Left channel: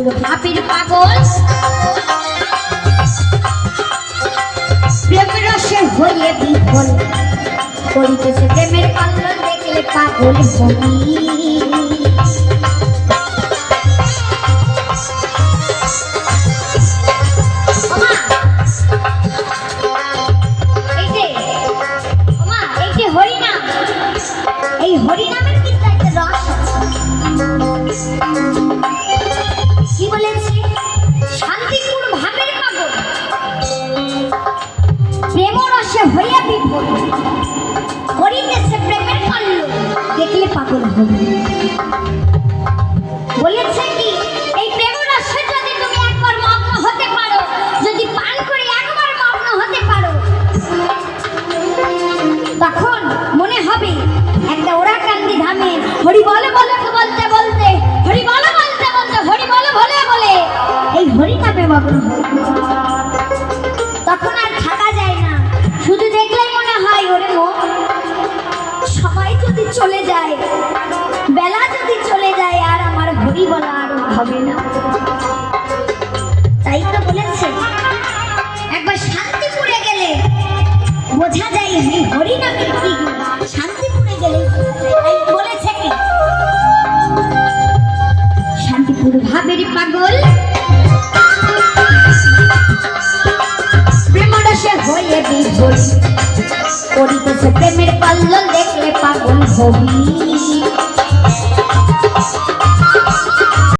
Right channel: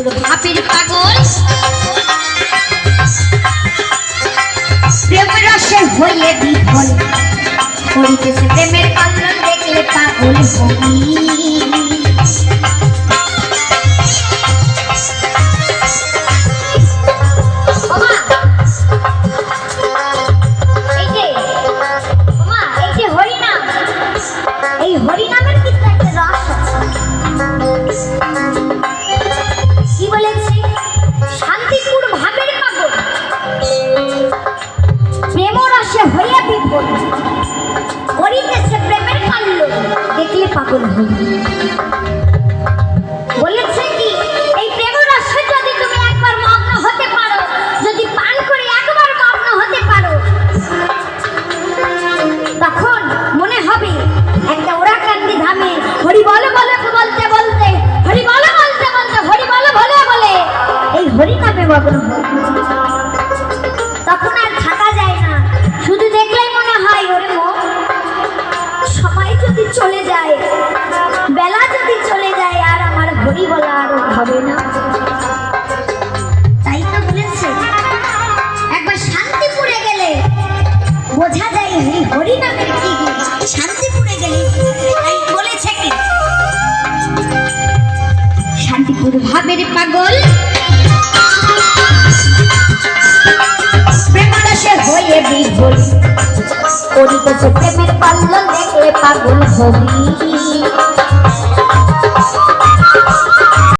পুরো ভাবের পাগল প্রেম রসে হয়ে বিফল করিতেছে প্রেমের কল্লোল দেখলে পাগল হবি হরিনামের কিন্তু একটা রস কি বলেছে শান্তিপুর ভাবের পাগল প্রেম রসে হইয়া বিভোর করিতেছে প্রেমের কল্লোল দেখলে পাগল হবি বলেছে কি এই প্রেম রসে যদি তুমি একবার মগ্ন হতে পারো যদি পান করে একবার মগ্ন হতে পারো তখন মনে হবে একটা ওরাকান্দি ধামে হরি বলে বলে বলতে বলতে হরি বলে বলতে বলতে হরি বলে বলে বলে এই হরি নামে মগ্ন তখন আর থাকা যায় না শুধু দেখলেই মনে হয় ওরে মন সময় যদি চলে যায় বেলা যদি চলে যায় আর আমার হরি বলা আর হবে না তাই তো বলেছি একবার শান্তিপুরে গেলে বোঝা যায় এই হরি নামের কি শান্তিপুরে গেলে তাই বলেছে কি শান্তিপুর ভাবের পাগল প্রেম রসে হয়ে বিভোর করিতেছে প্রেমের কল্লোল দেখলে পাগল হবি